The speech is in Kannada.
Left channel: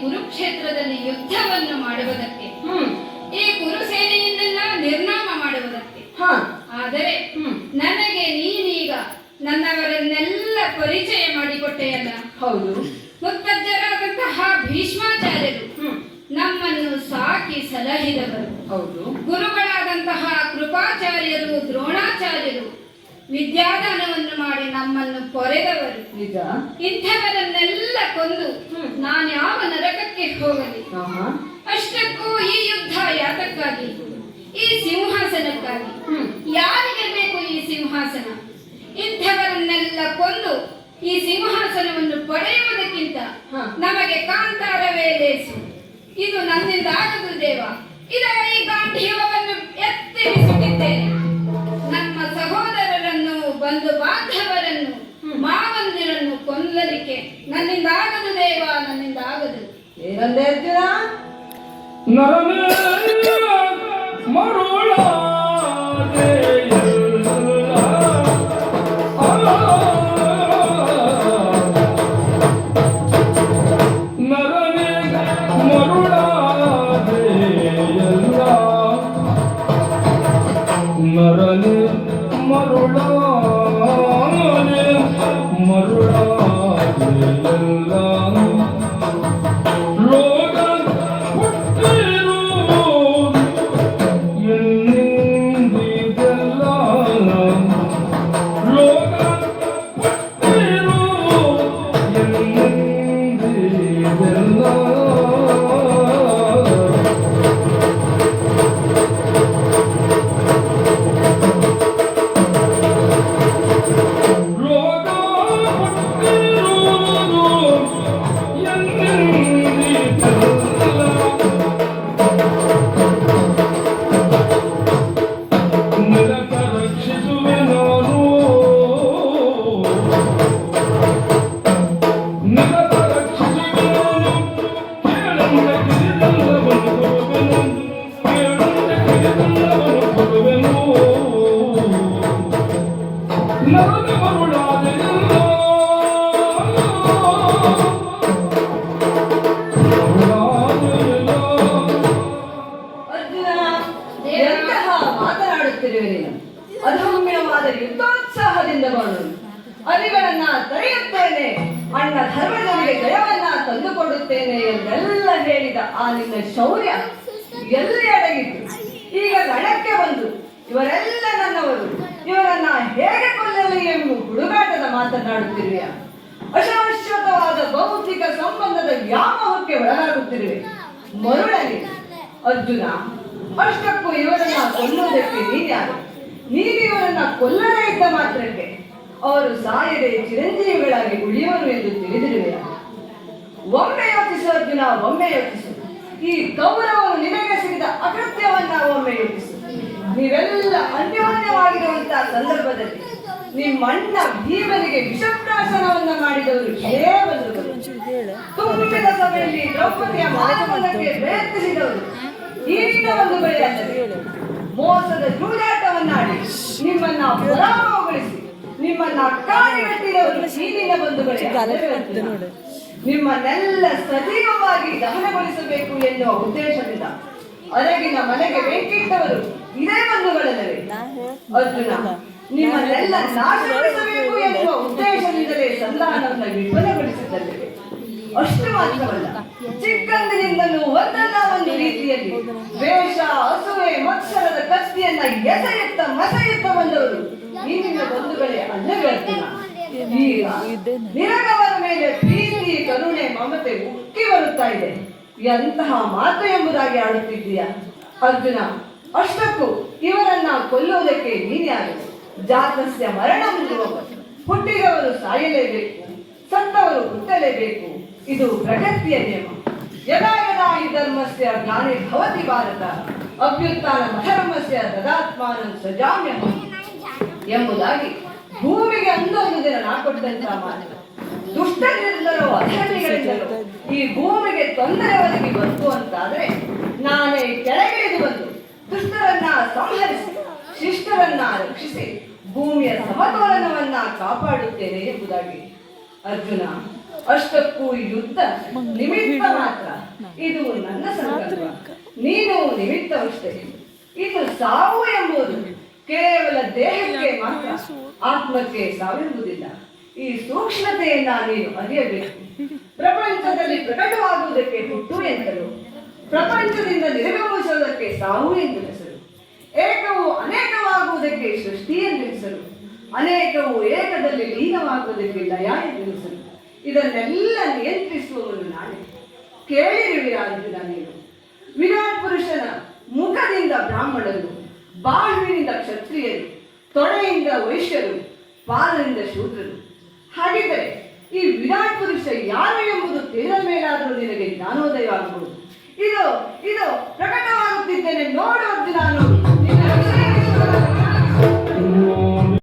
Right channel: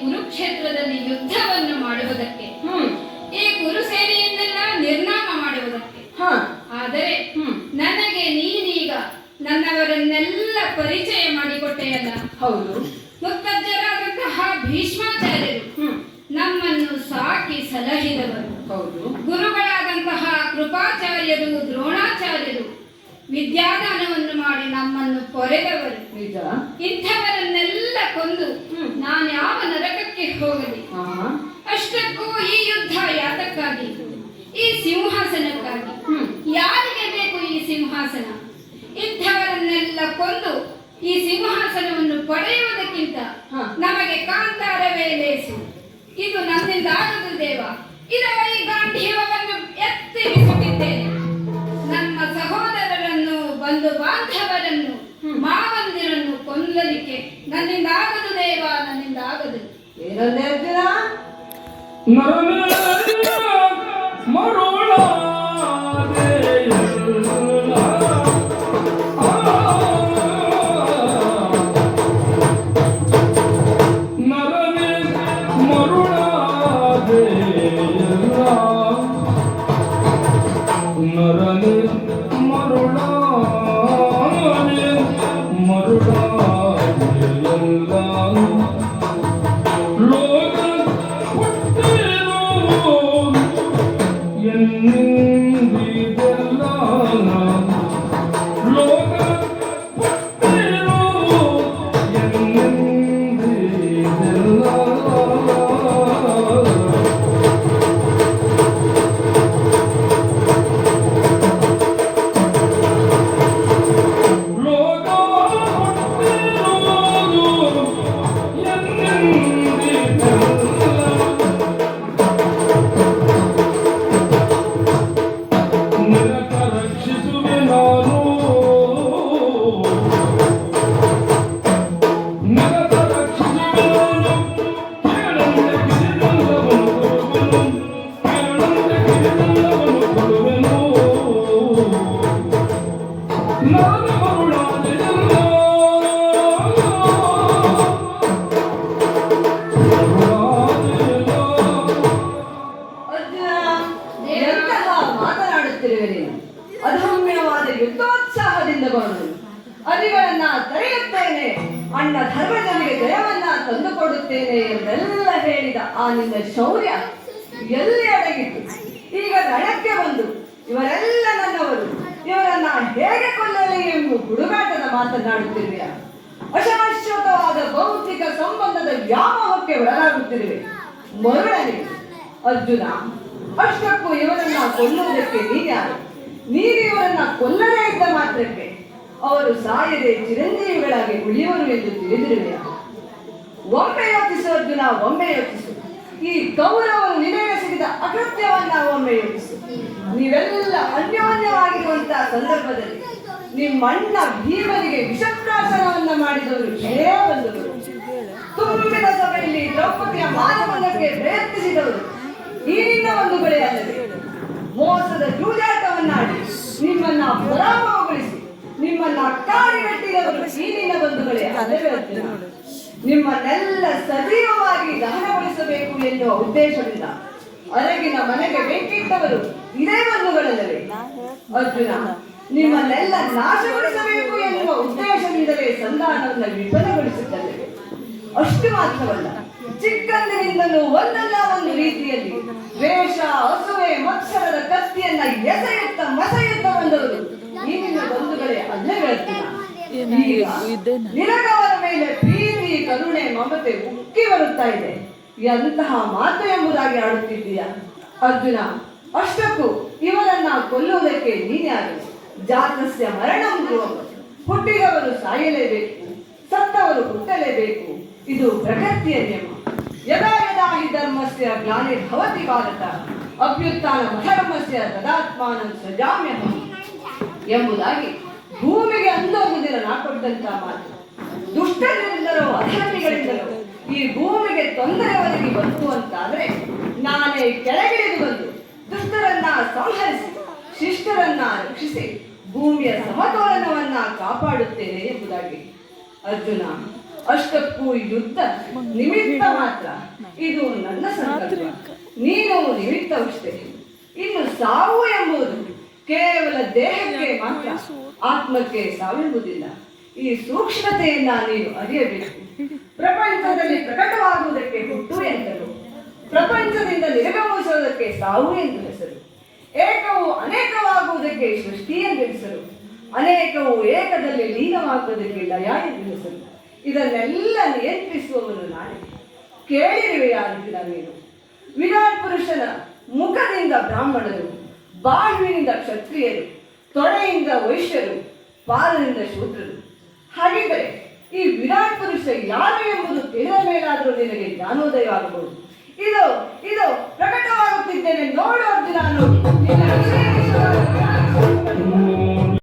ಕುರುಕ್ಷೇತ್ರದಲ್ಲಿ ಯುದ್ಧವನ್ನು ಮಾಡುವುದಕ್ಕೆ, ಈ ಕುರುಸೇನೆಯನ್ನೆಲ್ಲ ನಿರ್ನಾಮ ಮಾಡುವುದಕ್ಕೆ. ಆದರೆ ನನಗೆ ನೀನೀಗ ನನ್ನವರನ್ನೆಲ್ಲ ಪರಿಚಯ ಮಾಡಿಕೊಟ್ಟೆಯಲ್ಲ. ಹೌದು. ಮುತ್ತಜ್ಜರಾದಂತಹ ಭೀಷ್ಮಾಚಾರ್ಯರು ನಮ್ಮನ್ನು ಸಾಕಿ ಸಲಹಿದವರು. ಹೌದು. ಗುರುಗಳಾದಂತಹ ಕೃಪಾಚಾರ್ಯರು, ದ್ರೋಣಾಚಾರ್ಯರು ವಿದ್ಯಾದಾನವನ್ನು ಮಾಡಿ ನಮ್ಮನ್ನು ಕೊರೆದವರು. ನಿಜ. ಇಂಥವರನ್ನೆಲ್ಲ ಕೊಂದು ನಾನ್ಯಾವ ನರಕಕ್ಕೆ ಹೋಗಲಿ? ಅಷ್ಟಕ್ಕೂ ಈ ಯುದ್ಧ ಯಾತಕ್ಕಾಗಿ? ಈ ಸಿಂಹಾಸನಕ್ಕಾಗಿ. ಯಾರಿಗೆ ಬೇಕು ಈ ಸಿಂಹಾಸನ? ಇಂಥವರನ್ನೆಲ್ಲ ಕೊಂದು ಈ ಸಿಂಹಾಸನವನ್ನು ಪಡೆಯುವುದಕ್ಕಿಂತ ನಮಗೆ ಕಾಂತಾರವೇ ಲೇಸು. ಇದು ನನ್ನಿಂದ ಆಗದು ದೇವ. ಇದರ ಈ ಗಾಂಧೀವವನ್ನು ಎತ್ತಿ ಬಿಸುತ್ತಿದ್ದೇನೆ. ನಮ್ಮ ಸಹೋದರರನ್ನು, ಬಂಧು ಬಾಂಧವರನ್ನು, ಮಾವಂದಿರನ್ನು ಕೊಲ್ಲಲಿಕ್ಕೆ ನನ್ನಿಂದ ಆಗದು ದೇವ, ನನ್ನಿಂದ ಆಗದು. ಏನಂದೆ ಅರ್ಜುನ? ಅಧಮ್ಯವಾದ ಯುದ್ಧೋತ್ಸಾಹದಿಂದ ಬಂದು ಅರಿಗಳನ್ನ ತಡೆಯುತ್ತೇನೆ, ಅಣ್ಣ ಧರ್ಮಜನಿಗೆ ಜಯವನ್ನ ತಂದುಕೊಡುತ್ತೇನೆ ಎಂದೆಲ್ಲ ಹೇಳಿದ ಆ ನಿನ್ನ ಶೌರ್ಯ ಎಲ್ಲಿ ಅಡಗಿತ್ತು? ಈಗ ರಣಕ್ಕೆ ಬಂದು ಇವರೆಲ್ಲ ನನ್ನವರು, ಇವರನ್ನ ಹೇಗೆ ಕೊಲ್ಲಲಿ ಎಂದು ಹುಡುಗಾಟದ ಮಾತನಾಡುತ್ತಿರುವೆಯ? ಅಶಾಶ್ವತವಾದ ಭೌತಿಕ ಸಂಬಂಧದ ವ್ಯಾಮೋಹಕ್ಕೆ ಒಳಗಾಗುತ್ತಿರುವೆ ಮರುಳನೆ. ಅರ್ಜುನ, ಅಷ್ಟಕ್ಕೂ ಇವರನ್ನ ಕೊಲ್ಲುವುದಕ್ಕೆ ನೀನ್ಯಾರು? ನೀನು ಇವರನ್ನ ಕೊಲ್ಲದೇ ಇದ್ದ ಮಾತ್ರಕ್ಕೆ ಅವರು ಸಾಯದೆ ಚಿರಂಜೀವಿಗಳಾಗಿ ಉಳಿಯುವರು ಎಂದು ತಿಳಿದಿರುವೆಯ? ಒಮ್ಮೆ ಯೋಚಿಸು ಅರ್ಜುನ, ಒಮ್ಮೆ ಯೋಚಿಸು. ಈ ಕೌರವರು ನಿನಗೆಸಗಿದ ಅಕೃತ್ಯವನ್ನ ಒಮ್ಮೆ ಯೋಚಿಸು. ನೀವೆಲ್ಲ ಅನ್ಯೋನ್ಯವಾಗಿರುವಂತಹ ಸಂದರ್ಭದಲ್ಲಿ ನಿಮ್ಮಣ್ಣ ಭೀಮನಿಗೆ ವಿಷಪ್ರಾಶನವನ್ನ ಮಾಡಿದವರು ಬಂದವರು. ತುಂಬಿದ ಸಭೆಯಲ್ಲಿ ದ್ರೌಪದಿಯ ಮಾನವನಕ್ಕೆ ಪ್ರಯತ್ನಿಸಿದವರು ಈ ನಿನ್ನ ಬಂಧುಗಳೇ ಅಲ್ಲವೇ? ಮೋಸದ ಜೂಜಾಟವನ್ನಾಡಿ ನಿಮ್ಮನ್ನ ಪರಾಭವಗೊಳಿಸಿ ನಿಮ್ಮನ್ನ ಅಕ್ಕಾಣಿಗಟ್ಟಿದವರು ಈ ನಿನ್ನ ಬಂಧುಗಳೇ ಅಲ್ಲವೇ? ನಿಮ್ಮನ್ನೆಲ್ಲ ಸಜೀವವಾಗಿ ದಹನಗೊಳಿಸಬೇಕು ಎನ್ನುವ ಉದ್ದೇಶದಿಂದ ಅರಗಿನ ಮನೆಗೆ ಬೆಂಕಿಟ್ಟವರು ಇದೇ ಬಂಧುಗಳಲ್ಲವೇ? ಅರ್ಜುನ, ನಿಮ್ಮನ್ನೆಲ್ಲ ನಾಶಗೊಳಿಸಬೇಕು ಎನ್ನುವ ಉದ್ದೇಶದಿಂದಲೇ ಸಂಧಾನವನ್ನು ವಿಫಲಗೊಳಿಸುತ್ತದೆ. ಅಷ್ಟು ಮಾತ್ರವಲ್ಲ, ಚಿಕ್ಕಂದಿನಿಂದಲೂ ಒಂದಲ್ಲ ಒಂದು ರೀತಿಯಲ್ಲಿ ವೇಷ, ಅಸೂಯೆ, ಮತ್ಸರದ ಕತ್ತಿಯನ್ನ ಎಸೆಯುತ್ತ ಮಸೆಯುತ್ತ ಬಂದವರು ಈ ನಿನ್ನ ಬಂಧುಗಳೇ ಅಲ್ಲವೇ? ಅರ್ಜುನ, ಈಗ ನಿನಗವರ ಮೇಲೆ ಪ್ರೀತಿ, ಕರುಣೆ, ಮಮತೆ ಉಕ್ಕಿ ಬರುತ್ತಾ ಇದೆ. ಎಂತಹ ಮಾತು ಎಂಬುದಾಗಿ ಆಡುತ್ತಿದ್ದೀಯ ಅರ್ಜುನ? ಅಷ್ಟಕ್ಕೂ ಇವರನ್ನ ಕೊಲ್ಲುವುದಕ್ಕೆ ನೀನ್ಯಾರು? ಜಾತಸ್ಯ ಮರಣಂ ಧ್ರುವಂ. ಹುಟ್ಟಿದವರು ಸಾಯಲೇಬೇಕು, ಸತ್ತವರು ಹುಟ್ಟಲೇಬೇಕು. ಇದು ಪ್ರಗತಿಯ ನಿಯಮ. ಯದಾ ಯದಾ ಹಿ ಧರ್ಮಸ್ಯ ಗ್ಲಾನಿರ್ಭವತಿ ಭಾರತ ಅಭ್ಯುತ್ಥಾನಮಧರ್ಮಸ್ಯ ತದಾತ್ಮಾನಂ ಸೃಜಾಮ್ಯಹಂ ಎಂಬುದಾಗಿ ಭೂಮಿಗೆ ಅಂದೊಂದು ದಿನ ನಾ ಕೊಟ್ಟಂತ ಮಾತು. ದುಷ್ಟರಿಂದಲೋ ಅಧರ್ಮಿಗಳಿಂದಲೋ ಈ ಭೂಮಿಗೆ ತೊಂದರೆ ಒದಗಿ ಬಂತು ಅಂತಾದ್ರೆ ನಾನೇ ಕೆಳಗಿಳಿದು ಬಂದು ದುಷ್ಟರನ್ನ ಸಂಹರಿಸಿ ಶಿಷ್ಟರನ್ನ ರಕ್ಷಿಸಿ ಭೂಮಿಯ ಸಮತೋಲನವನ್ನ ಕಾಪಾಡುತ್ತೇನೆ ಎಂಬುದಾಗಿ. ಅರ್ಜುನ, ಅಷ್ಟಕ್ಕೂ ಯುದ್ಧ ನಿಮಿತ್ತ ಮಾತ್ರ. ಇದು ನನ್ನ ಸಂಕಲ್ಪ, ನೀನು ನಿಮಿತ್ತವಷ್ಟೇ. ಇನ್ನು ಸಾವು ಎಂಬುದು ಕೇವಲ ದೇಹಕ್ಕೆ ಮಾತ್ರ, ಆತ್ಮಕ್ಕೆ ಸಾವೆಂಬುದಿಲ್ಲ. ಈ ಸೂಕ್ಷ್ಮತೆಯನ್ನ ನೀನು ಅರಿಯಬೇಕು. ಪ್ರಪಂಚದಲ್ಲಿ ಪ್ರಕಟವಾಗುವುದಕ್ಕೆ ಹುಟ್ಟು ಎಂದರು, ಪ್ರಪಂಚದಿಂದ ನಿರ್ಗಮಿಸುವುದಕ್ಕೆ ಸಾವು ಎಂದು ಹೆಸರು. ಏಕವು ಅನೇಕವಾಗುವುದಕ್ಕೆ ಸೃಷ್ಟಿ ಎಂದು ಹೆಸರು, ಅನೇಕವು ಏಕದಲ್ಲಿ ಲೀನವಾಗುವುದಕ್ಕೆ ಲಯ ಎಂದು ಹೆಸರು. ಇದನ್ನೆಲ್ಲ ನಿಯಂತ್ರಿಸುವವನು ನಾನೇ. ಕೇಳಿರುವೆಯಾ ಅರ್ಜುನ ನೀನು? ವಿರಾಟ್ ಪುರುಷನ ಮುಖದಿಂದ ಬ್ರಾಹ್ಮಣರು, ಬಾಹುವಿನಿಂದ ಕ್ಷತ್ರಿಯರು, ತೊಡೆಯಿಂದ ವೈಶ್ಯರು, ಪಾದದಿಂದ ಶೂದ್ರರು. ಹಾಗಿದ್ದರೆ ಈ ವಿರಾಟ್ ಪುರುಷ ಯಾರು ಎಂಬುದು ತಿಳಿದ ಮೇಲಾದರೂ ನಿನಗೆ ಜ್ಞಾನೋದಯವಾಗಬಹುದು. ಇದು ಪ್ರಕಟವಾಗುತ್ತಿದ್ದೇನೆ, ನೋಡು ಅರ್ಜುನ, ನೋಡು.